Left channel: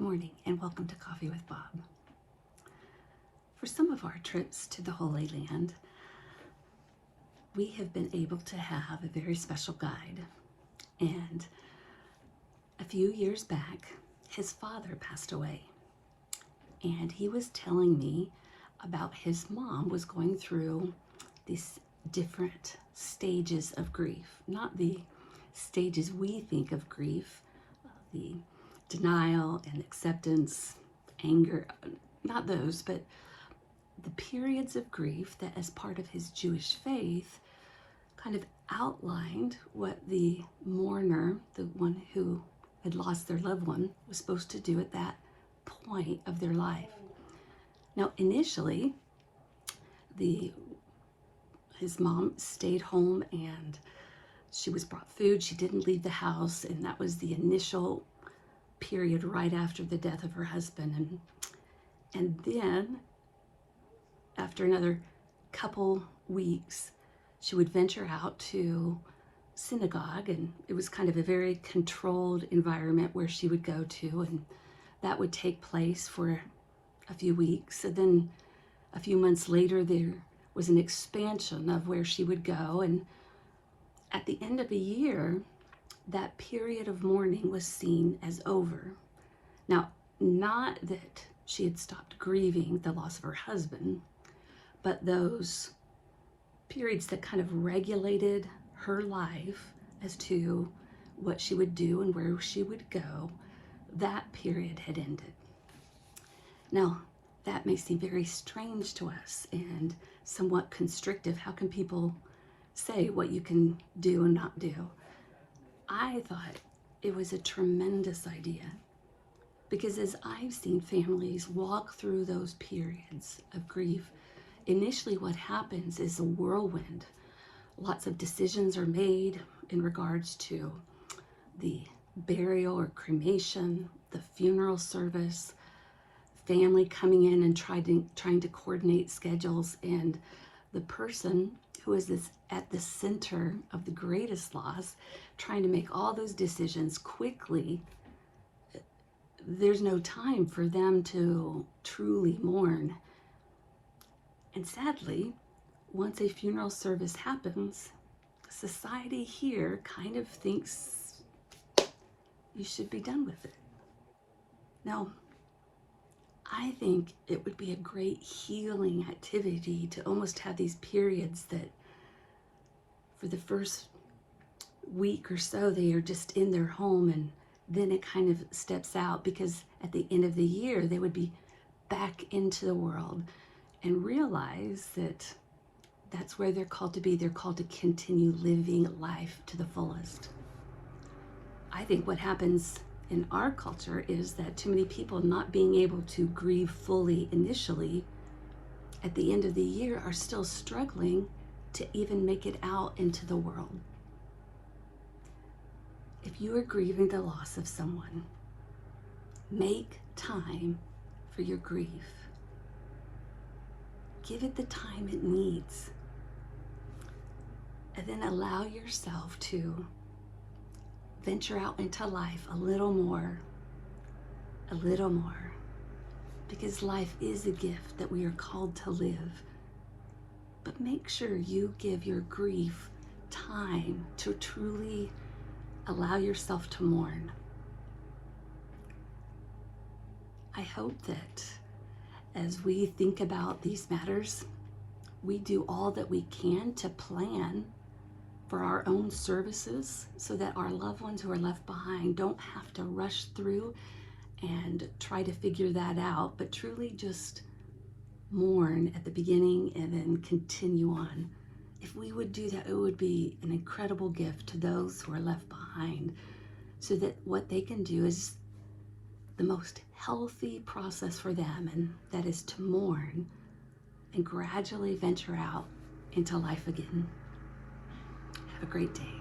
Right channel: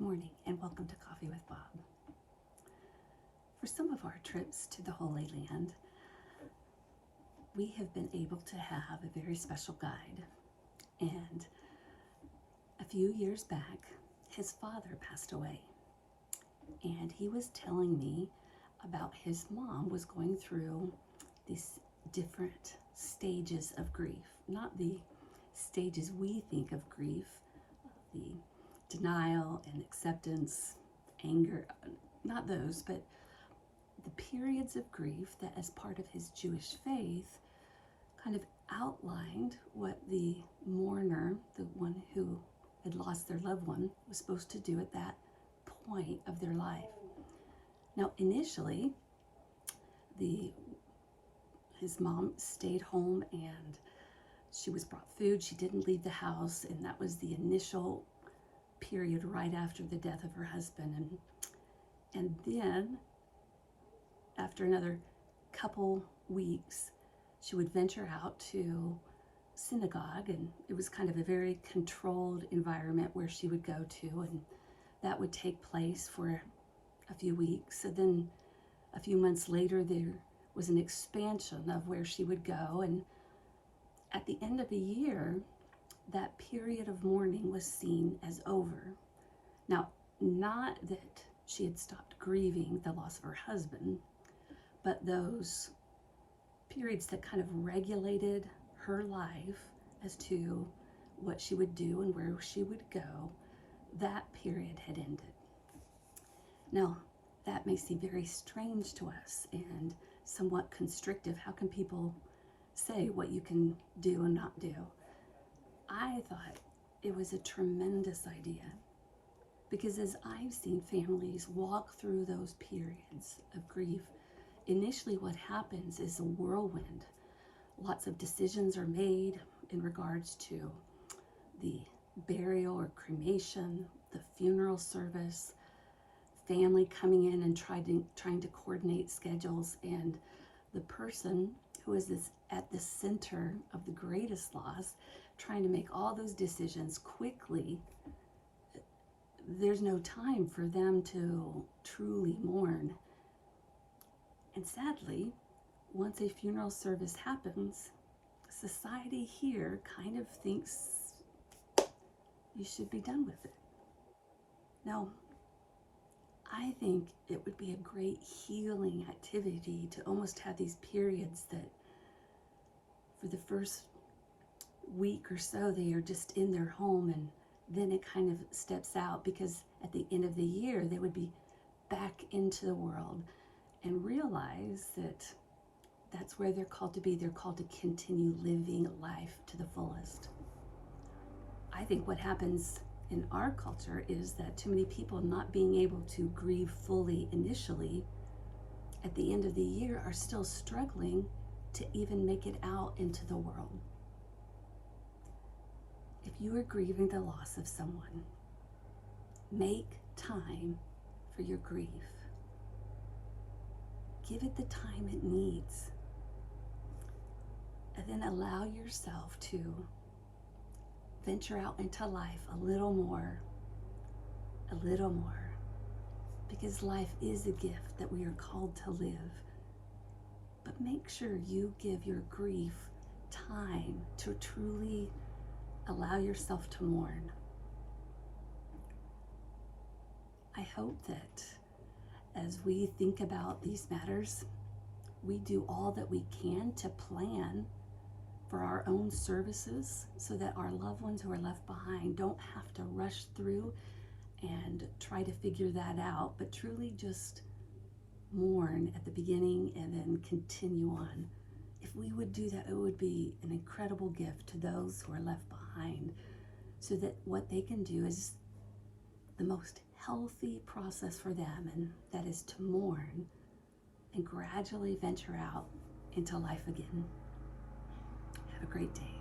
Good morning and welcome to Coffee with Bob. For some of our trips to the Holy Land, we have been able to have a very special guide. And a few years back, his father passed away. And he was telling me about his mom was going through these different stages of grief. Not the stages we think of grief, the denial and acceptance, anger, not those, but the periods of grief that as part of his Jewish faith kind of outlined what the mourner, the one who had lost their loved one, was supposed to do at that point of their life. Now, initially, his mom stayed home and she was brought food. She didn't leave the house, and that was the initial period right after the death of her husband. And then after another couple weeks, she would venture out to synagogue, and it was kind of a very controlled environment where she would go to, and that would take place for a few weeks. And then a few months later, there was an expansion of where she would go, and at the end of a year, that period of mourning was seen as over. Now, not that she had stopped grieving the loss of her husband, but those periods that kind of regulated her life as to what she would do and where she would go, that period had ended. Now, that may seem very strange to us and somewhat constrictive. How can people say what you can do and not do? I thought it was a tremendous idea, because as I've seen families walk through those periods of grief, initially what happens is a whirlwind. Lots of decisions are made in regards to the burial or cremation, the funeral service, family coming in and trying to coordinate schedules, and the person who is at the center of the greatest loss, trying to make all those decisions quickly. There's no time for them to truly mourn. And sadly, once a funeral service happens, society here kind of thinks you should be done with it. Now, I think it would be a great healing activity to almost have these periods that for the first week or so, they are just in their home, and then it kind of steps out, because at the end of the year, they would be back into the world and realize that that's where they're called to be. They're called to continue living life to the fullest. I think what happens in our culture is that too many people, not being able to grieve fully initially, at the end of the year are still struggling to even make it out into the world. If you are grieving the loss of someone, make time for your grief. Give it the time it needs. And then allow yourself to venture out into life a little more, because life is a gift that we are called to live. But make sure you give your grief time to truly allow yourself to mourn. I hope that as we think about these matters, we do all that we can to plan for our own services so that our loved ones who are left behind don't have to rush through and try to figure that out, but truly just mourn at the beginning and then continue on. If we would do that, it would be an incredible gift to those who are left behind, so that what they can do is the most healthy process for them, and that is to mourn and gradually venture out into life again. Have a great day.